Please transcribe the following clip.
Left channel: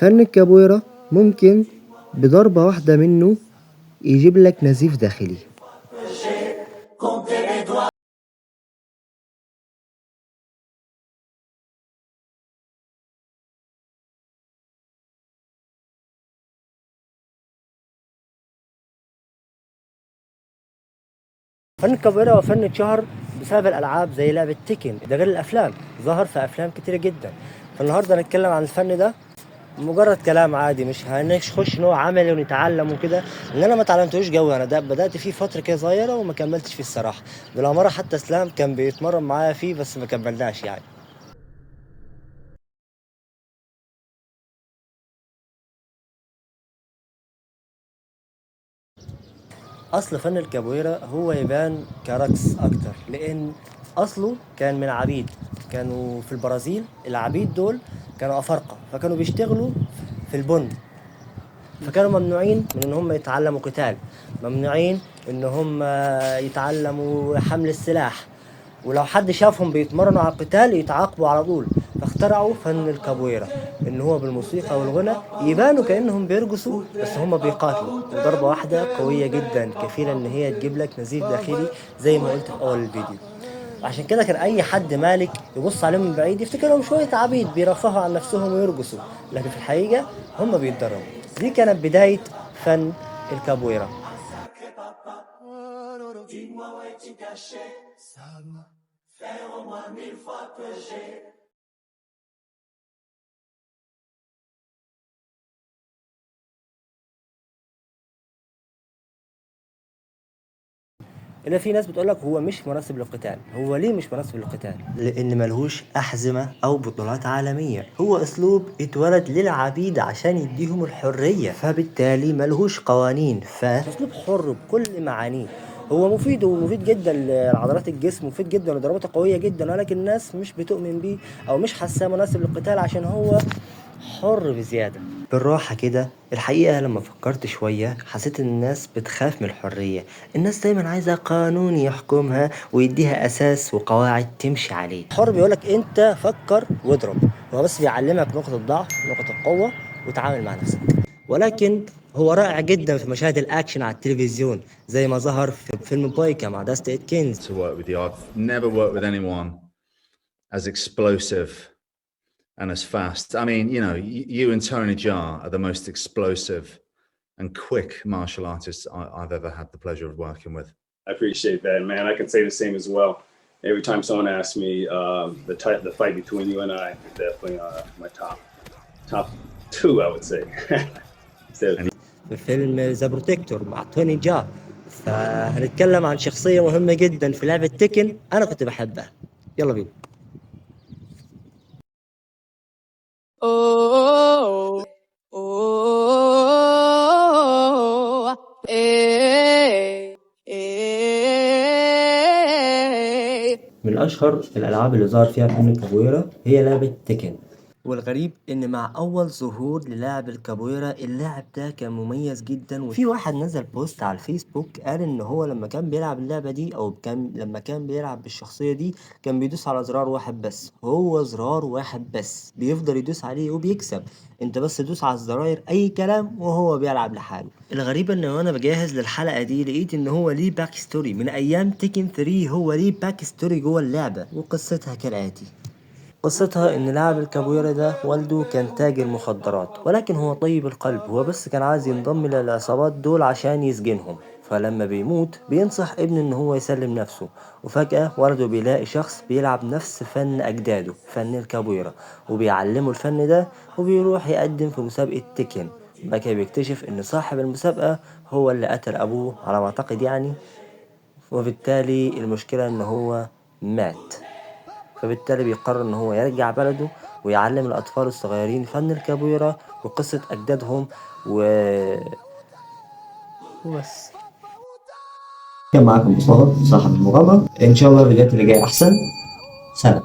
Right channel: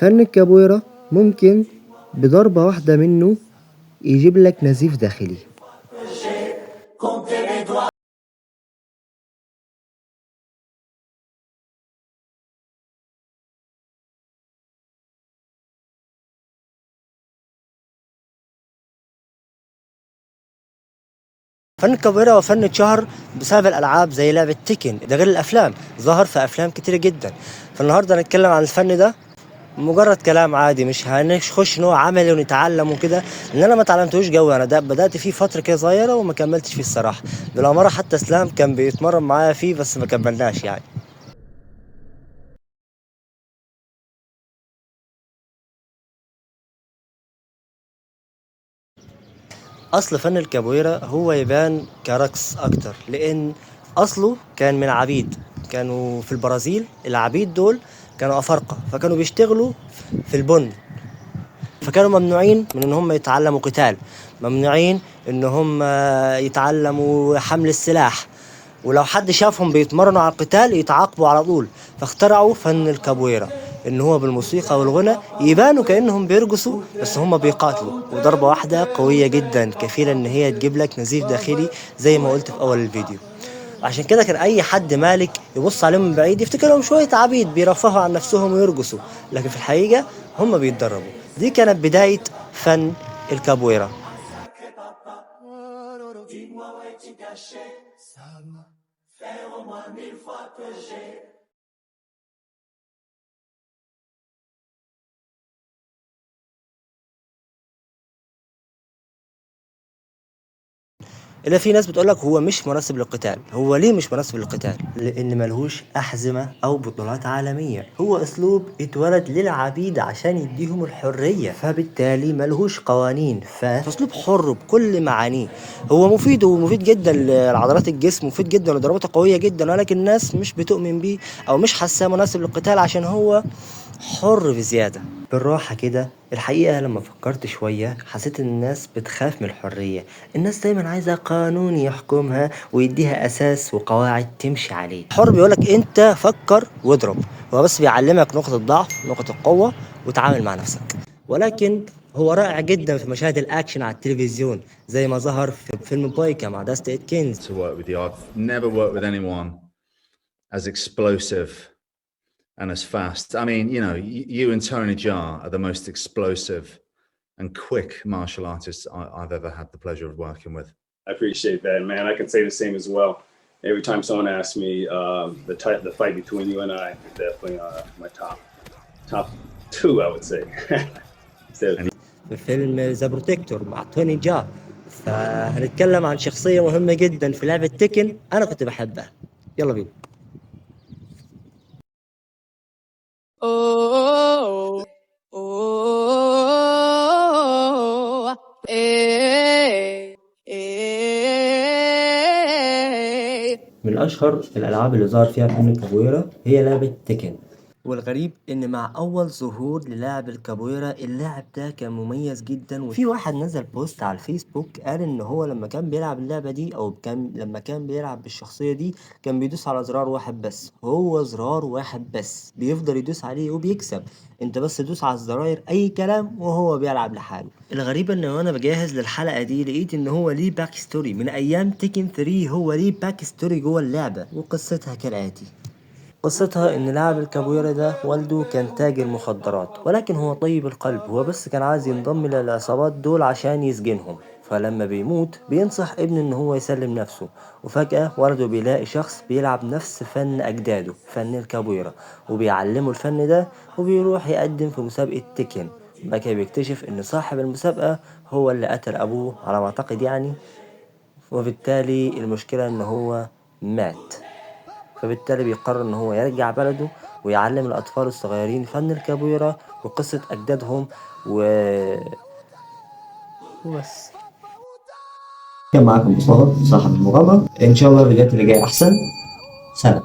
فن الكابويرا ممكن بضربة واحدة منه يجيب لك نزيف داخلي. فن الكابويرا هو فن اتشهر بسبب الالعاب زي لعبة تيكن، ده غير الافلام، ظهر في افلام كتير جدا. فالنهارده هنتكلم عن الفن ده مجرد كلام عادي، مش هنخش نوع عملي ونتعلم وكده، لان انا ما اتعلمتوش جو. انا ده بدات فيه فتره كده صغيره وما كملتش فيه الصراحه. بالاماره حتى اسلام كان بيتمرن معايا فيه بس ما كملناش يعني. اصل فن الكابويرا هو يبان كرقص اكتر، لان اصله كان من عبيد. كانوا في البرازيل العبيد دول كانوا افارقه، فكانوا بيشتغلوا في البن، فكانوا ممنوعين من ان هم يتعلموا قتال، ممنوعين ان هم يتعلموا حمل السلاح، ولو حد شافهم بيتمرنوا على القتال يتعاقبوا على طول. فاخترعوا فن الكابويرا، ان هو بالموسيقى والغنى يبانوا كانهم بيرقصوا بس هم بيقاتلوا، وضربه واحده قويه جدا كفيله ان هي تجيب لك نزيف داخلي زي ما قلت في اول الفيديو. عشان كده كان اي حد مالك يبص عليهم من بعيد يفتكرهم شويه عبيد بيرفهوا عن نفسهم ويرقصوا، لكن في الحقيقه هم بيتدربوا. دي كانت بدايه فن الكابويرا. الا في ناس بتقولك هو مش مناسب للقتال. هو ليه مش مناسب للقتال؟ لان ملهوش احزمه او بطولات عالميه، هو اسلوب اتولد للعبيد عشان يديهم الحريه، فبالتالي ملهوش قوانين، فاسلوب حر بكل معانيه. هو مفيد ومفيد جدا لعضلات الجسم، مفيد جدا وضرباته قويه جدا، ولكن الناس مش بتؤمن بيه او مش حاساه مناسب للقتال عشان هو حر بزيادة. بالراحة كده، الحقيقة لما فكرت شوية حسيت ان الناس بتخاف من الحرية. الناس دايما عايزة قانون يحكمها ويديها اساس وقواعد تمشي عليه. الحر بيقولك انت فكر واضرب، هو بس بيعلمك نقطة الضعف نقطة القوة وتعامل مع نفسك. ولكن هو رائع جدا في مشاهد الاكشن على التلفزيون زي ما ظهر في فيلم بويكا مع داست اتكنز. To work with you, I've never worked with anyone as explosive and as fast. I mean, you know, you and Tony Jaa are the most explosive and quick martial artists I've ever had the pleasure of working with. I appreciate that, man. I can say the same as well. Every time someone asks me, the fight between you and I is definitely my top two, I would say. في فيلم ذا بروتكتور مع توني جا. فهنتكلم عن شخصية مهمة جدا في لعبة تيكن أنا كنت بحبها. يلا بينا. Oh, oh, eh, eh. من أشهر الألعاب اللي ظهر فيها فن الكابويرا هي لعبة تيكن. والغريب ان مع اول ظهور للاعب الكابويرا اللاعب ده كان مميز جدا، وفي واحد نزل بوست على الفيسبوك قال ان هو لما كان بيلعب اللعبة دي او لما كان بيلعب بالشخصية دي كان بيدوس على زرار واحد بس، هو زرار واحد بس بيفضل يدوس عليه وبيكسب. انت بس دوس على الزراير اي كلام وهو بيلعب لحاله. الغريب ان وانا بجهز للحلقة دي لقيت ان هو ليه باك ستوري من ايام تيكن 3، هو ليه باك ستوري جوه اللعبة وقصتها كالاتي. قصتها ان لاعب الكابويرا ده والده كان تاجر مخدرات، ولكن هو طيب القلب، هو بس كان عايز ينضم للعصابات دول عشان يسجنهم. فلما بيموت بينصح ابنه ان هو يسلم نفسه، وفجأة والده بيلاقي شخص بيلعب نفس فن اجداده فن الكابويرا وبيعلمه الفن ده، وبيروح يقدم في مسابقة تيكن. بعد كده بيكتشف ان صاحب المسابقة هو اللي قتل ابوه على ما اعتقد يعني، وبالتالي المشكلة ان هو مات. فبالتالي بيقرر ان هو يرجع بلده ويعلم الاطفال الصغيرين فن الكابويرا وقصة اجدادهم وبس. كان معاكم مصطفى صاحب المغامرة، ان شاء الله الفيديوهات اللي جاية احسن. سلام.